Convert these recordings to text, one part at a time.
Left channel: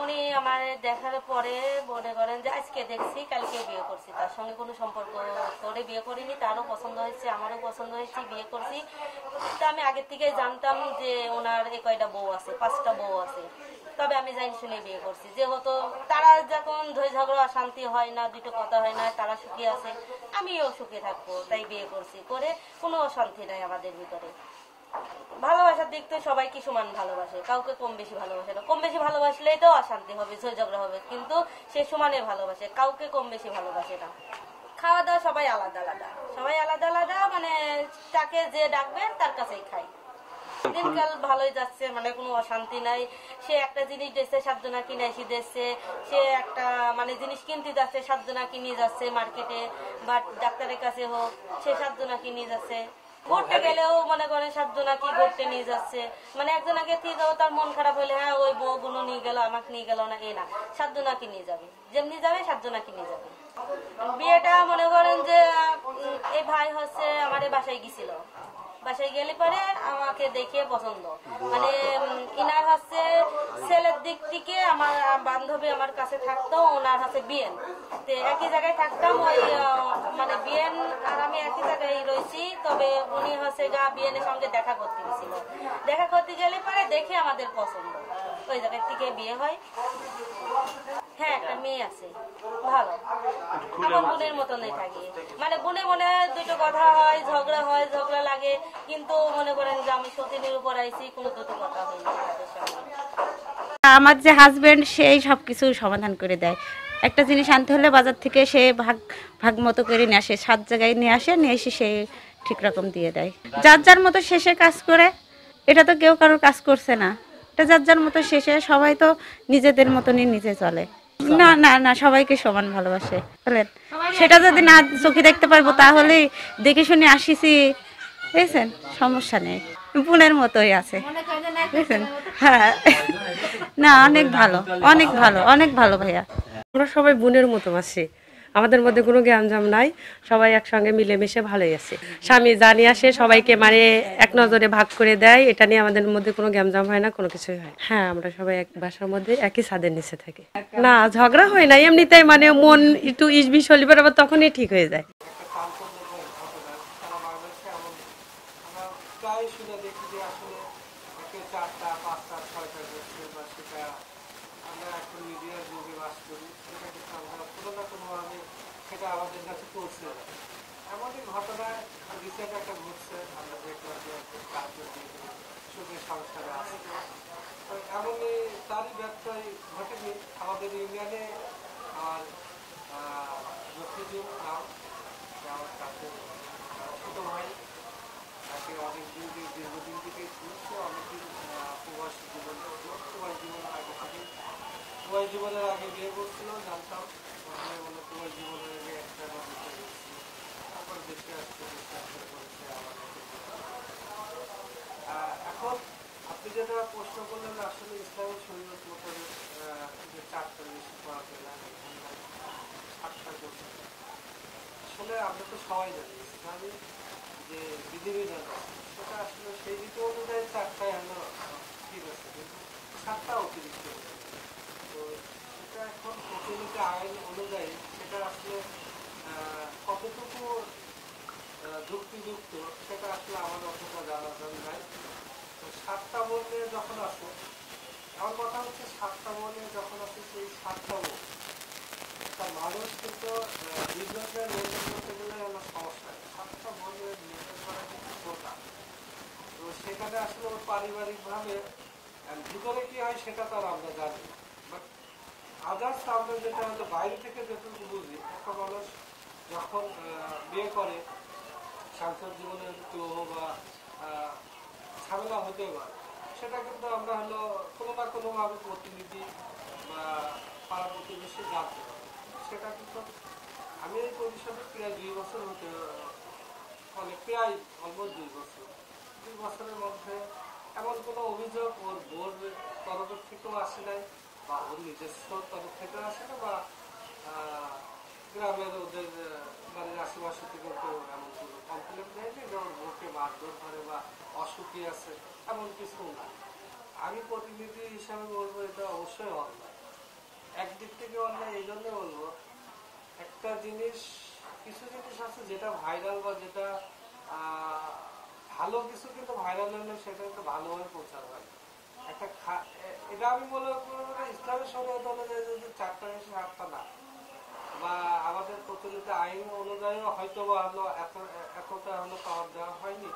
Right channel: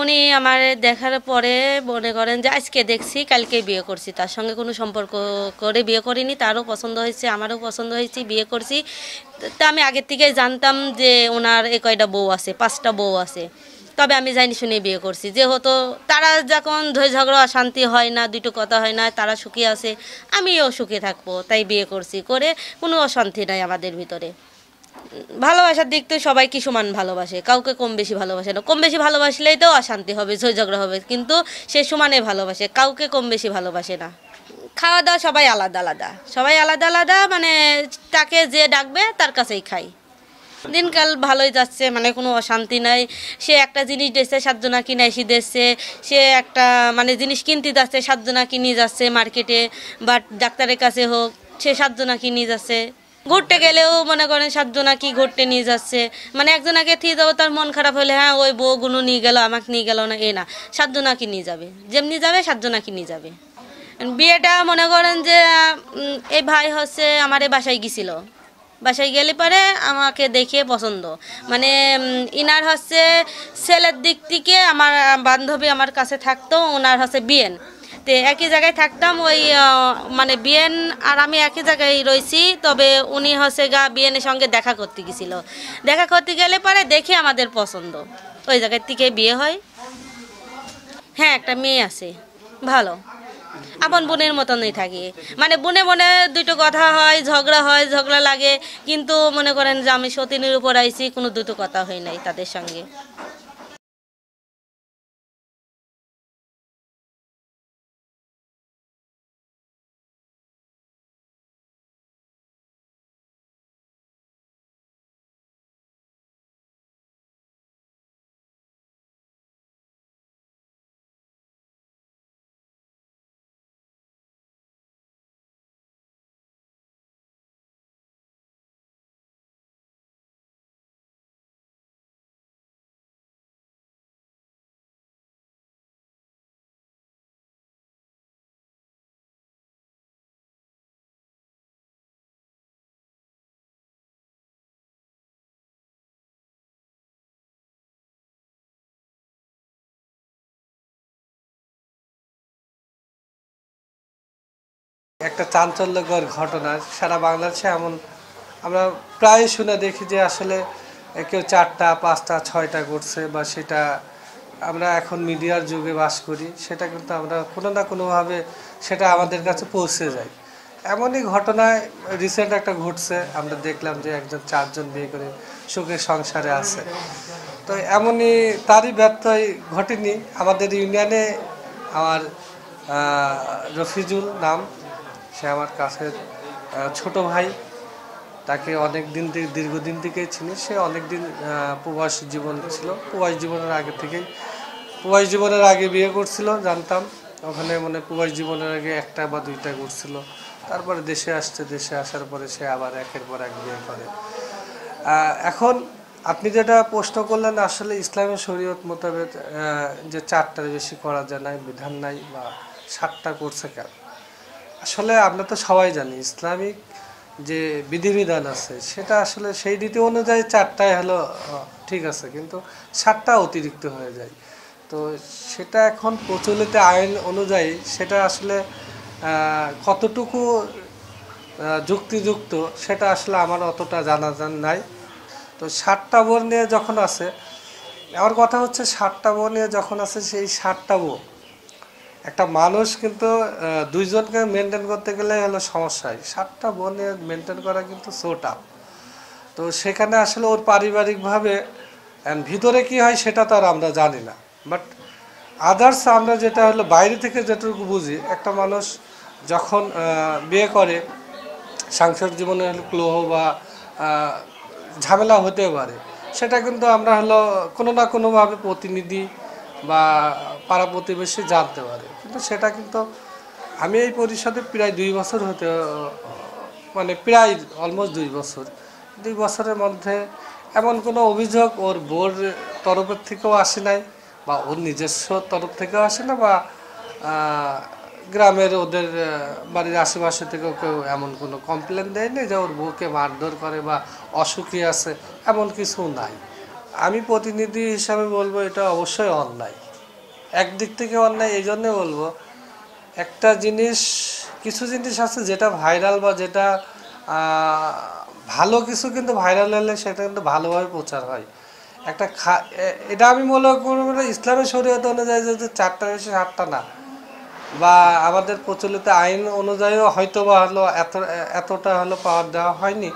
উনি আমার দেখার পরে মনে করেন যে আজকে দেখছি কালকে বিয়ে করছি, তার সঙ্গে কোনো সম্পর্ক করে বিয়ে করিনি। তারও পছন্দ হয়েছে, আমারও পছন্দ হয়েছে, বিয়ে করছি। তা আমি আগের থেকে জানতাম যে ওনার এ কয়টা বউ আছে, 5টা বউ আছে। তবে আমি জানি শুনে বিয়ে করছি, যেহেতু তারা যখন ধৈর্য ঝগড়া অশান্তি হয় না, দুটো কথা হয় না, তারা সুখী আছে, আমিও সুখী থাকবো, তাই বিয়ে করছি। করে কোনো অশান্তি নাই আমাদের ভিতরে। ভালোবাসার দিক তো সবাইকে সমান ভালোবাসে, কাউকে কম বেশি ভালোবাসে না। কম বেশি ভালোবাসলেই তো অশান্তি হবে, ঝই ঝগড়া হবে, কিন্তু সে সমানে ভালোবাসে, কাউকে কম বেশি ভালোবাসে না। খাওয়া দাওয়া সবাই আলাদা আলাদা, সবাই আলাদা আলাদা, মানে তাকে যে ডাকবে তার কাছেই খাই। দিনকাল ভালোই যাচ্ছে, মানে কোনো অশান্তি নাই। সে একটা জিনিস দিচ্ছে, 7 জনা কিনে এসে দিচ্ছে। সে একটা মানে জিনিস কিনতে যাচ্ছে, 7 জনা কিনে যাচ্ছে মার্কেটে বা ডাক্তারের কাছে হোক, সে 7 জনা কিনে যাচ্ছে। ঘুরতে গেলেও মনে করেন 7 জনা কি ঘুরতে নিয়ে যাচ্ছে, মানে একজনাকে দিয়ে যাবো, তার মন খারাপ হলে হ্যাঁ ওই বউগুলো নিয়ে গেল, আমাকে নিয়ে গেল না, এ না, 7 জনা কি নিয়ে যাবে, যেমনি যাবে 7 জনা কি নিয়ে যাবে। বিয়েটা মনে করেন যে এই ভাই হচ্ছে আমার এই বাসায় গেছিল। বাসায় গেলে পরে আমাকে দেখে পছন্দ, মানে ইনার হচ্ছে ছেলের দিক থেকে আমার বান্ধবী আমার কাছে থাকতো, ওনার হচ্ছে বিয়েন, তো একই জায়গায় থাকতাম। ওই মানে বিয়েন আর আমি একই জায়গায় রয়েছি, তবে উনি হচ্ছে বিয়েনের সঙ্গে দেখা করতে গেছিল। দেখা করতে গেলে পরে দেখে আমাদের পছন্দ, ওই জায়গার থেকে বিয়ে হয়। হ্যাঁ, একটা মেয়ে আছে, ভালো, আপন বোনের মতনই থাকি। মানে বনে বনে দুটো কথা হয়, ঝগড়া লাগে, কিন্তু মনে করেন যে আমি সতীনের উপর আইছি, কোনো দুটো কথা হয় নাই তাদের সঙ্গে। আমার যে হাজবেন্ড সেই সব কিছু সমাধান করে দেয়। একটা জিনিস আনতে হলে বাজার থেকে সে ভাগ ভাগ মতো করে নিয়ে আসে, 7 জায়গায় নিয়ে আসে, নিয়ে এসে সে ঠিক রকম দিয়ে দেয়। যার যার মতো শেষে কাজ করে, এটা তো কেউ কারোর কাজ করছে না, এটা যার যার মতো শেষে, সবাই তো নিজেদের মতনই নিজে চলে। না না না, সবাইকে সমান ভালোবাসে বলেন। সেটা যদি না চোখে দেখতে পারবো, তাহলে দেখে শুনে আসিছি, বুঝছেন, সমস্যা নেই, বোনের মতোই আছে, বুঝছেন। হ্যাঁ, না, অনেক ভালো, অনেক ভালো, অনেক ভালো ভাইয়া। আমরা সবাই বোনের মতো আছি, আমাদের মধ্যে কোনো গ্যাঞ্জাম নাই, সবাই একসঙ্গে মিলেমিশে ভালোই আছে। স্বামী যা নিয়ে আসে সবাইকে মানে এক নজরে ভাগ করে দেয়, এটা নিয়ে আমাদের মধ্যে কোনো গ্যাঞ্জাম হয় না, কোনো কিছুই হয়। হ্যাঁ, আমরা সবাই এক বাসার মধ্যে একই ছাদের নিচে থাকি। না, ঝগড়া হয় না, এমনিতেই মানে মন একটু ইসবিস হলে পরে আবার তখনই ঠিক হয়ে যায়। একটা চাঞ্চল্যকর ঘটনা সারা বাংলাদেশে এমন আমরা প্রায় শুনে দেখি যে আসলে কেউ 4টা 5টা 6টা করছে, বা সেটা আমরা এখন মিডিয়ার যুগে বাস করি, সেটা কিন্তু আমরা কোনো না কোনোভাবে সেটা আমাদের কাছে পৌঁছে যায়। এমনই ঘটনায় রিসেন্ট একটা ঘটছে, আমরা দেখলাম যে একজন 4জন বিয়ে করে সুখের সংসারে আছে। তো এমনই তারই ব্যত্যয় ঘটেনি আমাদের ইউনিয়নে। আমার রফিজুল নাম, সে আমার কাছের ছোট ভাই, তাকে অনেক দিন থেকে দীর্ঘদিন থেকেই চিনি। সে অনেক দিন প্রবাস জীবন ছিল, প্রবাস জীবনের আগে বিয়ে করছিল, জানতাম ওখানে, মানে প্রবাস জীবনের আগে 1টা বা 2টা করছিল। তারপরে দেশে আসছে, দেশে আসার পরে সে আবার একের পর এক বিয়ে করে। এখন আপনি যেটা প্রশ্ন করলেন, আসলে ইসলামী শরীয়ত মোতাবেক যে 4টার বেশি করা যায় না, বিধান নাই, বা 7টা করছে কেন? আসলে আমরা তো সবাই জানি ইসলামিক যে বিধিবিধান আছে সেটা আসলে সেই রীতি অনুযায়ী 4টাই হলো ঠিক আছে, কিন্তু 7টা অতিরিক্ত হয়ে যায়। তো সেটা এখন প্রচলিত আইন অনুযায়ী সেটা আসলে কতটুকু যুক্তিযুক্ত সেটা আসলে আমার অতটা জানা নাই। তো 7টা বোন নিয়ে যখন আছে, আমার কথা হচ্ছে 7টা বোন নিয়ে যখন আছে, সেই 7টা বোন একটা মানুষ কিন্তু 2জনকে মেনটেন করতে গেলে হলো সমস্যায়, 7টা বোনে মেনটেন করা কিন্তু সো টাফ। তো সেখানে আসলে ওর পারিবারিকভাবে ভিতরে কি হয় সেটা তো আর আমরা জানি না, বাট আদার্স আমরা যেটা হলো বাইরে থেকে যেটুকু বুঝি, একটা মানুষ যখন বিয়ে করে, সাংসারিক জীবনে হলো ক্লোহ বা ঝামেলা হতে পারে, সেটা কিন্তু আমরা হলো কোনো না কোনোভাবে প্রতিনিধি বা পাড়া প্রতিবেশী জানতে পারে। কিন্তু সেটা কিন্তু আমি এই পরিষদে প্রায় 2 বছর হতে, মানে প্রায় অলমোস্ট 2 বছর, 2 বছরের মধ্যে এমন কোনো অভিযোগ ওর বোর তরফের থেকেও আসে নাই, বা ওর নিজস্ব তরফ থেকেও আসে না, বা গ্রামের ওদের বাড়ির আশেপাশে থেকেও কেউ এমন কোনো কমপ্লেন দেয়নি যে ওর বউকে মারধর করে বা অসুখী আছে, এমন কিছু নাই। আমি প্রতিনিধি হিসাবে বলবো এটা অবশ্যই অন্যায়। একদিক থেকে অন্যায় এই জন্যে বলবো, একটা জিনিস, কিছু জিনিস আছে যেটা ভাইরাল বা যেটা ভালো কিছু, কিন্তু ভাইরাল হলে সেটা কিন্তু ভালোভাবে প্রচার হয়। একটা এটা আমি মনে করব না ইসলামের শরীয়ত অনুযায়ী যদি 4টার বেশি 7টা না, বা আমাদের প্রচলিত আইন অনুযায়ীও হয়তো বা হলো এতটা হলো পাওয়ার দেওয়া হয়নি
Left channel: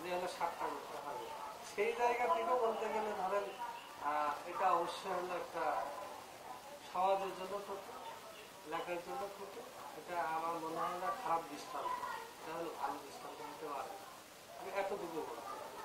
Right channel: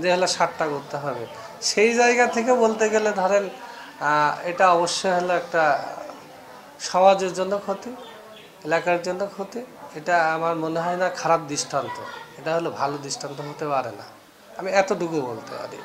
যে হলো 7টা করতে হবে। সেই জায়গা থেকে বলতে গেলে ধরেন এটা অবশ্যই হলো একটা সমাজের জন্য ক্ষতি, এলাকার জন্য ক্ষতি। এটা আমার মনে হয় না খারাপ দৃষ্টান্ত, এটা হলো ভালো দৃষ্টান্ত হতে পারে না, আমি এতটুকু বলতে পারি।